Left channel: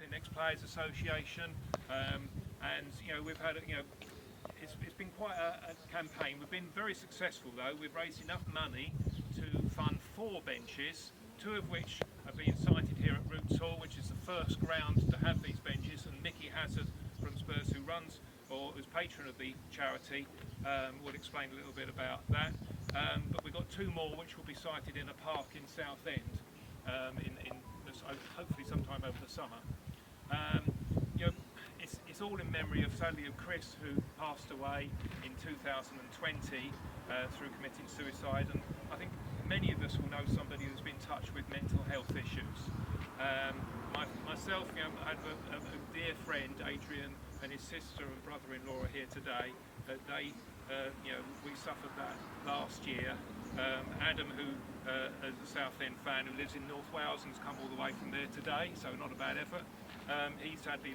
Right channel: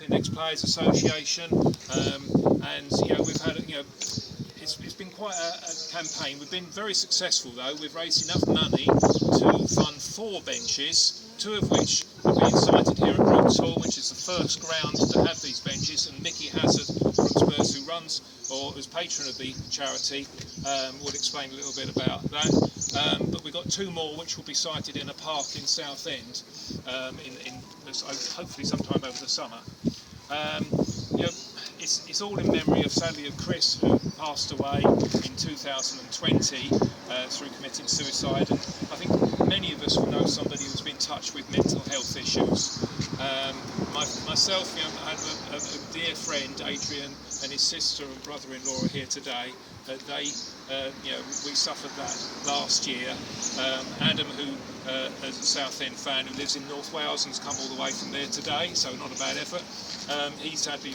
Ex Players Association, and we've had it's been quite a campaign. We've been very successful though. We've raised enough money to fund 4 benches, 2 of which have been sited here at Brooks Hall, which is the first ground to have these benches, and Mickey Hazard from Spurs, who runs or is patron of the charity, will explain a little bit about that. But we've got 2 more which will be sited in a park in Southend, hopefully sometime over the summer. It's all in memory sadly of Chris, who passed away in 2020 through committing suicide, and I think many of us will know somebody who's been touched with mental health issues. Myself, I have a dear friend, Adrian, and his sister and brother-in-law are here today. We suffered that last year. Adam, who is a Southend fan, who lives in North Wales and has come all the way from there today, so not a bad effort. He sadly,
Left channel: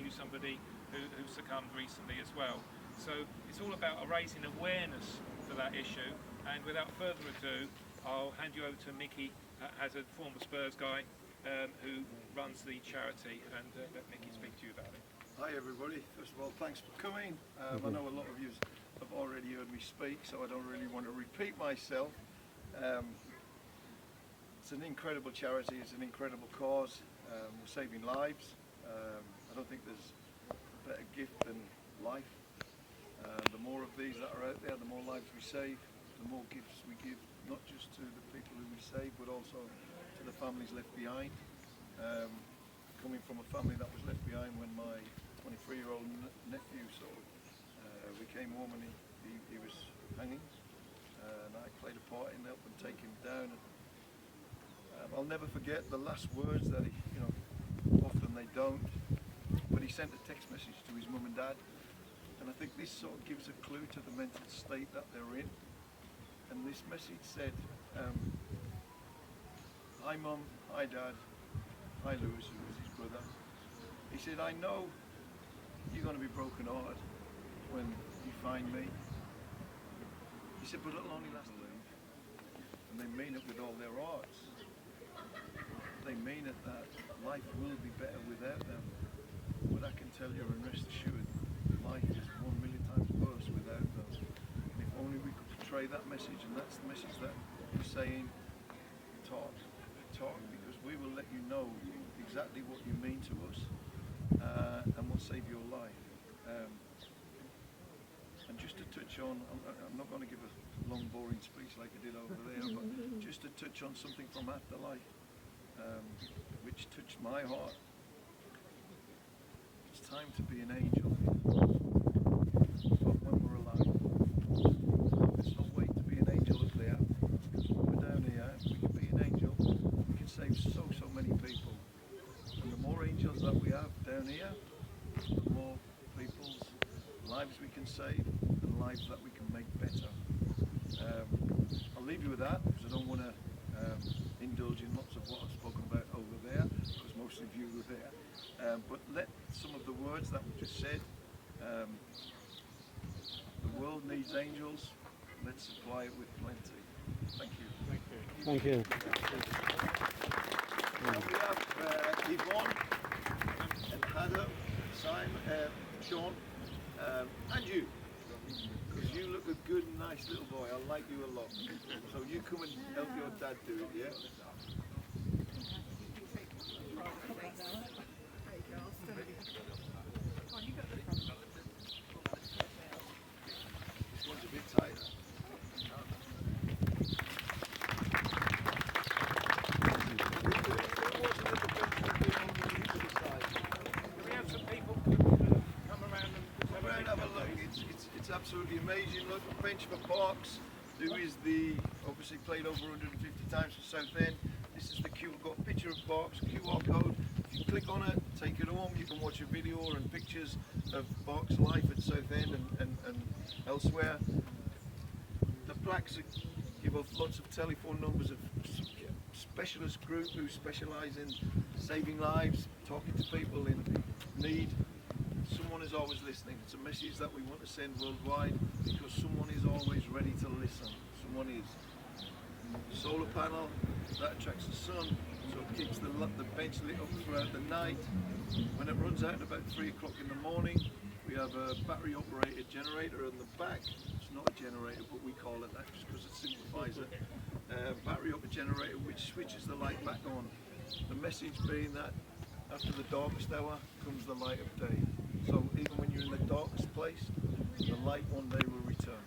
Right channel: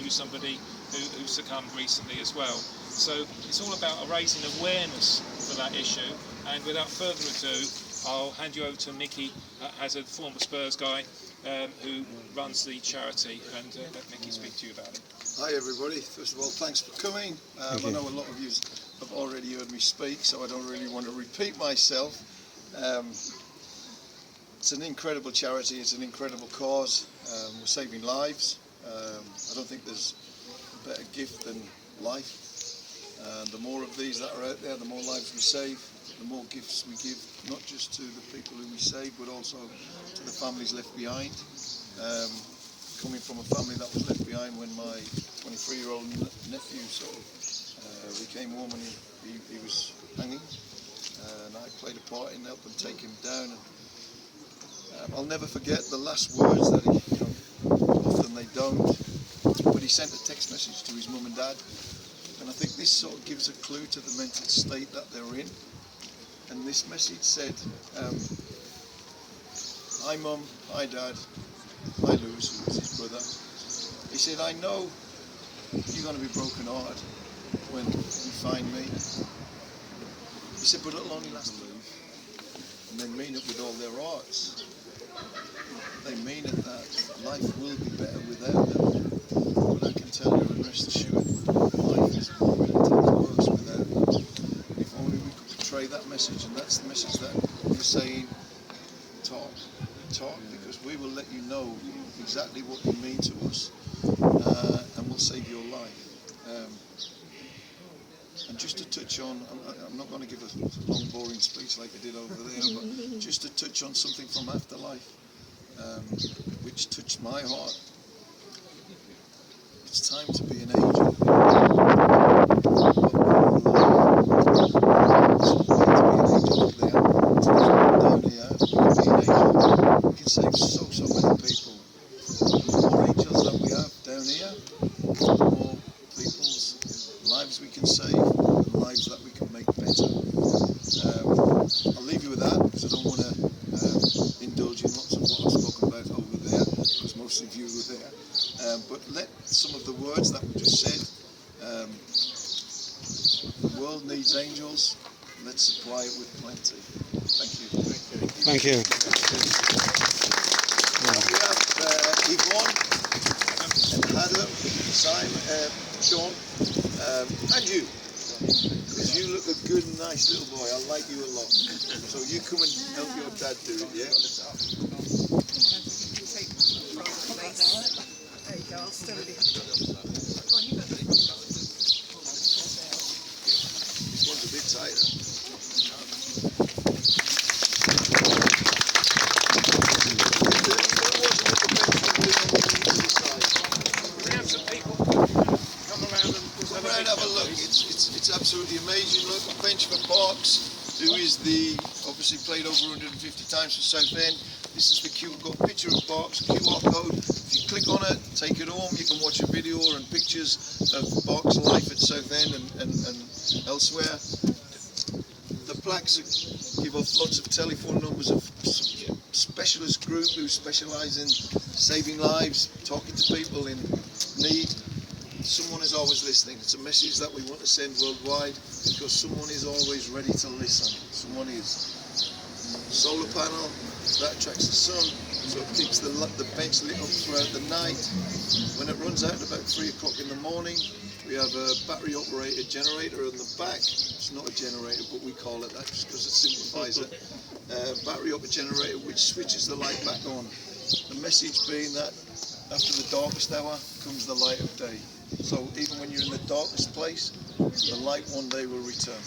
knew somebody who succumbed recently as well. So it's all about raising awareness for that issue. And without further ado, I'll hand you over to Mickey, as a former Spurs guy, who runs the charity, and let Mickey speak to you about it. Hi everybody. First of all, thanks for coming. I know a lot of you have already heard me speak, so I don't really want to repeat myself. It's an incredible charity, it's an incredible cause. We're saving lives. I don't think there's a better gift than life. The more of these that are out there, the more lives we save, the more gifts we give, not just to the people who we save, but also to the families left behind. Coming from a family that was left behind when my 23-year-old nephew we came home and he was hanging, and I played a part in helping take him down. And I'll never forget the last words that he, often they don't, but he sent a text message to his mum and dad, and I think this sort of gives a clue to the mental state that they're in. And this message said, "Hi Mum, hi Dad, hi Lewis," who was his brother. He said, "I know you're going to be broken-hearted when you find me." He said, "But it'll only last a little." And they mean it with all their hearts. They mean it that life will be better without them. But I can tell you and rest assured, life is really worse without them. If only we could portray that message, and that's the message that we're saying, talk, because we will let you know exactly what you mean to us, and we'll save your life. And just to touch on, I'm not going to give a long boring speech like I did over there, but just to touch on something from Afterlife, which touched my heart. It's time to be an angel. Down here, we can be an angel. We can save so many people. The more angels that we have down here, the more people's lives we can save, and lives that we can make better. I'll leave you with that, because I don't want to indulge in lots of what I've spoken about over there, because most of you were there. But let some of the words that we just said, the world needs angels, let's supply it with plenty. Thank you. Thank you. Now we have Yvonne and Adam, Simon, Sean, and you. Because you look a good and nice little boy. I like you a lot. So you come and help your dad do it, yeah? There you go, I'll stand it. This one's a bit tighter. We have some people come around and Have a look. It's absolutely amazing. Look, Bench for Parks, who is obviously played over 150 times for Southend. This is the got a picture of Parks, QR code. If you click on it, take it home, you can watch a video and pictures of Parks' life at Southend and elsewhere. The plaques give off lots of telephone numbers of specialist group who specialise in saving lives, talking to people in need. Someone is always listening. It's a message that we want to send worldwide, because someone is always ready to listen. Someone is. Solar panel, that attracts the sun, so it keeps the bench lit up throughout the night. when it runs out at about 3 o'clock in the morning, we have a battery operated generator on the back. It's not a generator, but we call it that just because it simplifies it. Battery operated generator which switches the light back on. The message being that after the darkest hour comes the light of day. So even when you're in the darkest place, the light one day will return.